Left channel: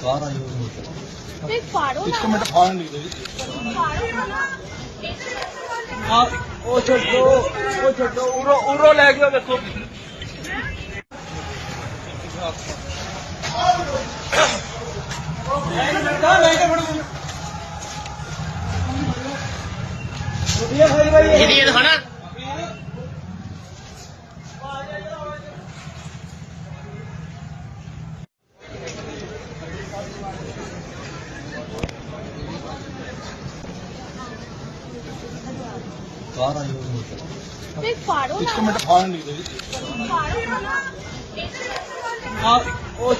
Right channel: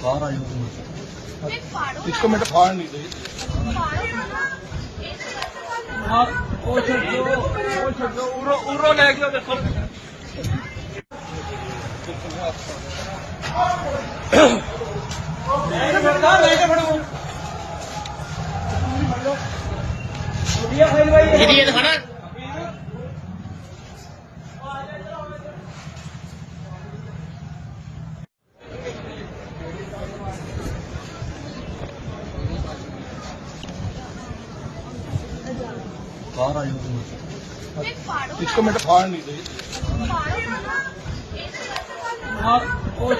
ਕਾਰ ਆਈ ਹੋਈ ਨਹੀਂ ਫਾੜੋ ਇੱਕ ਮਿੰਟ ਫਾੜ ਨਹੀਂ ਗਈ ਫਾੜੋ ਨਾ ਨਾ ਆ ਉਹ ਛੱਡੋ ਉਹ ਛੱਡੋ ਉਰੋ ਉਰੋ ਲੈ ਜਾਓ ਬੱਚੋ ਜਿਹਦੀ ਇਹ ਦਿਖਾਣਾ ਕਾਰ ਆਈ ਹੋਈ ਨਹੀਂ ਫਾੜੋ ਇੱਕ ਨਾ ਮਿੰਟ ਫਾੜ ਨਹੀਂ ਗਈ ਫਾੜੋ ਨਾ ਨਾ ਆ ਉਹ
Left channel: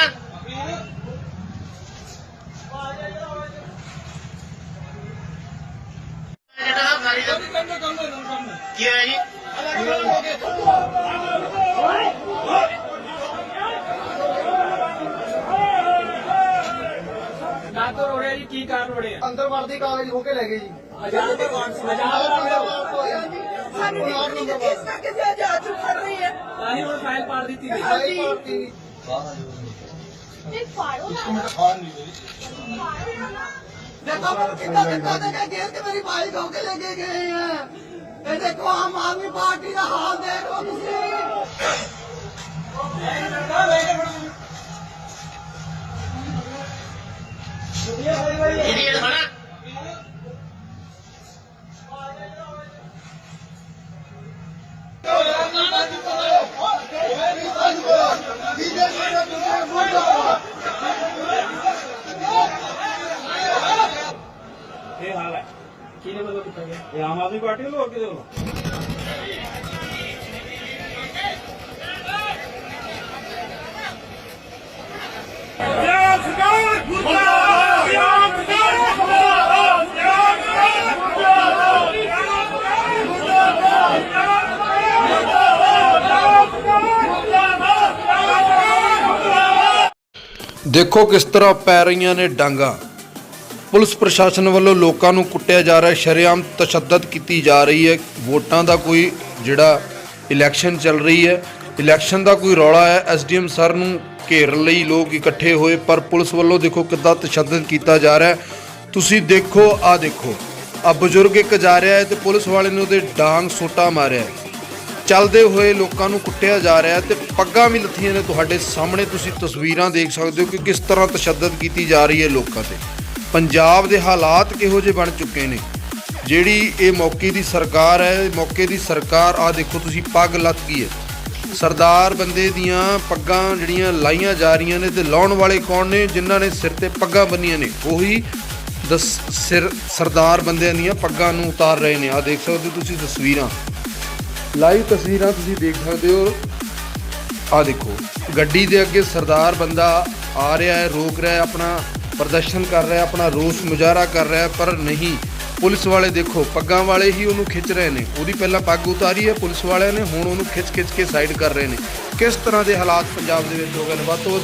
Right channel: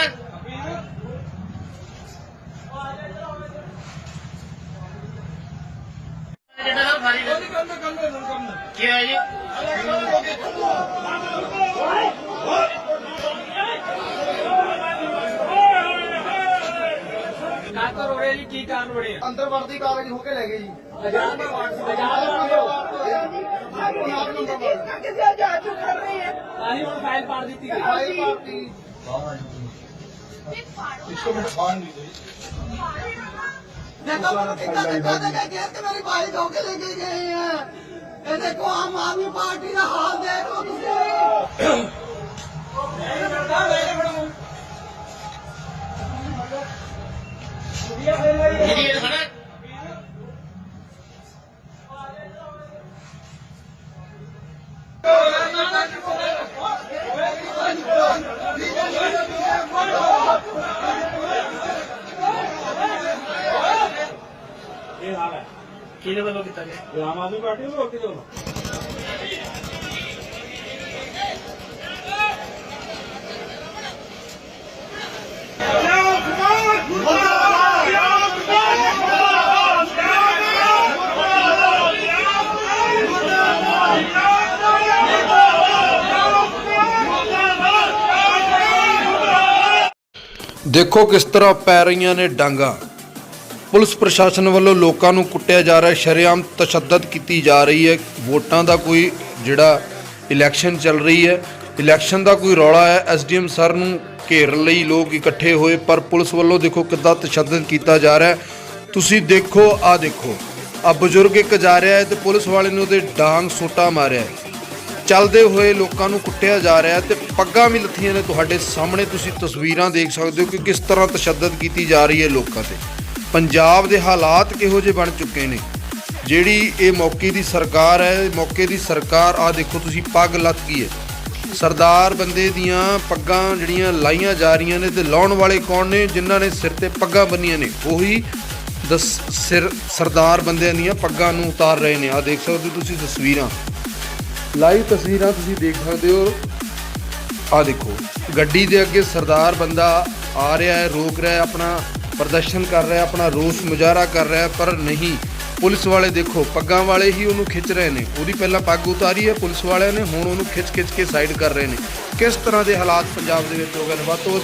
ਛੱਡੋ ਜਾਓ ਬੱਚੋ ਜਿਹਦੀ ਇਹ ਦਿਖਾਣਾ ਕੀ ਹੋਇਆ ਜੀ ਅੰਦਰ ਵੜਦੀ ਕਾਗਜ਼ ਹੋ ਕੇ ਲੈ ਗਏ ਜੀ। ਕਾਰ ਆਈ ਹੋਈ ਨਹੀਂ ਫਾੜੋ ਇੱਕ ਨਾ ਮਿੰਟ ਫਾੜ ਨਹੀਂ ਗਈ ਫਾੜੋ ਨਾ ਨਾ ਦੇਖੋ ਮੈਨੂੰ ਕਿੰਨਾ ਧੱਕਾ ਦੇ ਕੇ ਘੇਰ ਕੇ ਮੇਰੀ ਬਾਈਕ ਹੋ ਕੇ ਲੈ ਕੇ ਗਏ ਆ। ਇਹ ਦੇਖੋ ਆਮ ਆਦਮੀ ਪਾਰਟੀ ਦਾ ਹਾਲ ਦੇਖ ਲਓ ਤੁਸੀਂ। ਜਿਹਦੀ ਕਿਹਦੇ ਵੱਲੋਂ ਕੀਤਾ ਗਿਆ? ਇਹ ਆਮ ਆਦਮੀ ਪਾਰਟੀ ਵੱਲੋਂ ਹੋਰ ਕਿਹਦੇ ਵੱਲੋਂ? ਦੇਖੋ ਕਿਸ ਤਰ੍ਹਾਂ ਪੈ ਰਹੀਆਂ ਨੇ ਡਾਂਗਾ। ਪੁਲਿਸ ਪ੍ਰਸ਼ਾਸਨ ਵੱਲੋਂ ਲੋਕਾਂ ਨੂੰ ਕੁੱਟਿਆ ਜਾ ਰਿਹਾ ਹੈ ਸ਼ਰੇਆਮ ਤਸ਼ੱਦਦ ਕੀਤੀ ਜਾ ਰਹੀ ਹੈ। ਵੋਟਾਂ ਦਾ ਕੋਈ ਜਿਹੜਾ ਇਲੈਕਸ਼ਨ ਚੱਲ ਰਹੀ ਹੈ, ਇਲੈਕਸ਼ਨ ਦਾ ਕੋਈ ਰੌਲਾ ਹੈ, ਐਸਡੀਐਮ ਸਰ ਨੂੰ ਘੇਰਨ ਲਈ ਲੋਕ ਇਕੱਠੇ ਹੋਏ, ਪਰ ਪੁਲਿਸ ਵੱਲੋਂ ਦੇਖੋ ਕਿੱਦਾਂ ਤਸ਼ੱਦਦ ਕੀਤਾ ਜਾ ਰਿਹਾ ਹੈ। ਤੁਸੀਂ ਦੇਖੋ, ਆ ਦੇਖੋ, ਆ ਬਜ਼ੁਰਗ ਇੱਕ ਜਾ ਰਿਹਾ ਹੈ ਤੇ ਪੁਲਿਸ ਵਾਲੇ ਨੇ ਉਹਦੇ ਡਾਂਗ ਸੋਟਾ ਮਾਰਿਆ ਚੱਲਦੇ ਹੋਏ ਲੋਕਾਂ ਨੂੰ ਕੁੱਟਿਆ ਜਾ ਰਿਹਾ ਹੈ ਤੇ ਪੱਗਾਂ ਵੀ ਲੱਥੀਆਂ ਨੇ ਤੁਹਾਡੇ ਸਾਹਮਣੇ, ਤੁਸੀਂ ਤਸਵੀਰਾਂ ਦੇਖ ਸਕਦੇ ਹੋ ਕਿ ਕਿਸ ਤਰ੍ਹਾਂ ਤਸ਼ੱਦਦ ਕੀਤੀ ਜਾ ਰਹੀ ਹੈ ਲੋਕਾਂ ਤੇ। ਪੰਜਾਬ ਦੇ ਹਾਲਾਤ ਕਿਹੋ ਜਿਹੇ ਬਣ ਚੁੱਕੇ ਨੇ? ਜਿਹੜੀ ਇਹ ਮੌਕੇ ਦੀ ਸਰਕਾਰ ਹੈ, ਮੌਕੇ ਦੀ ਸਰਕਾਰ ਆ ਦੇਖੋ ਤੁਸੀਂ ਪੱਗ ਲੱਥ ਗਈ ਹੈ। ਸਰਦਾਰ ਬੰਦੇ ਦੀਆਂ ਪੱਗਾਂ ਜਿਹੜੀਆਂ ਲਾਈਆਂ ਜਾ ਰਹੀਆਂ ਨੇ ਤੇ ਲਾਉਣ ਵਾਲੇ ਕੌਣ ਨੇ? ਜਿਨ੍ਹਾਂ ਨੇ ਸਿਰ ਤੇ ਪੱਗਾਂ ਬੰਨੀਆਂ ਨੇ। ਉਹੀ ਦਸ ਸਿਰ ਸਰਦਾਰ ਬੰਦਿਆਂ ਦੀਆਂ ਪੱਗਾਂ ਨੂੰ ਉਤਾਰ ਰਹੇ ਨੇ। ਆ ਦੇਖ ਸਕਦੇ ਹੋ ਤੁਸੀਂ ਤਸਵੀਰਾਂ। ਲਾਈਵ ਤਸਵੀਰਾਂ ਤੁਸੀਂ ਦੇਖ ਸਕਦੇ ਹੋ। ਆ ਦੇਖੋ, ਗੱਡੀ ਦੇ ਅੱਗੇ ਸਰਦਾਰ ਬੰਦਾ ਆ ਰਿਹਾ ਹੈ, ਰੋਕ ਰਿਹਾ ਹੈ ਆਪਣਾ। ਪ੍ਰਦਰਸ਼ਨ ਕਰ ਰਿਹਾ, ਆਪਣਾ ਰੋਸ ਮੁਜ਼ਾਹਰਾ ਕਰ ਰਿਹਾ, ਪਰ ਨਹੀਂ। ਪੁਲਿਸ ਵਾਲੇ ਦੇਖੋ, ਪੱਗਾਂ ਵਾਲੇ ਹੀ ਉਹਨੂੰ ਖਿੱਚ ਰਹੇ ਨੇ। ਉਹਦੀ ਪਹਿਲਾਂ ਪੱਗ ਉਤਾਰੀ ਹੈ, ਪੁਲਿਸ ਵਾਲਿਆਂ ਨੇ ਹੁਣ ਉਹਨੂੰ ਖਿੱਚ ਖਿੱਚ ਕੇ ਸਾਈਡ ਕਰ ਰਹੇ ਨੇ। ਕਿਸ ਤਰ੍ਹਾਂ ਦੇ ਹਾਲਾਤ ਪੰਜਾਬ ਦੇ ਵਿੱਚ ਹੋ ਗਏ ਨੇ? ਵੱਧ ਤੋਂ ਵੱਧ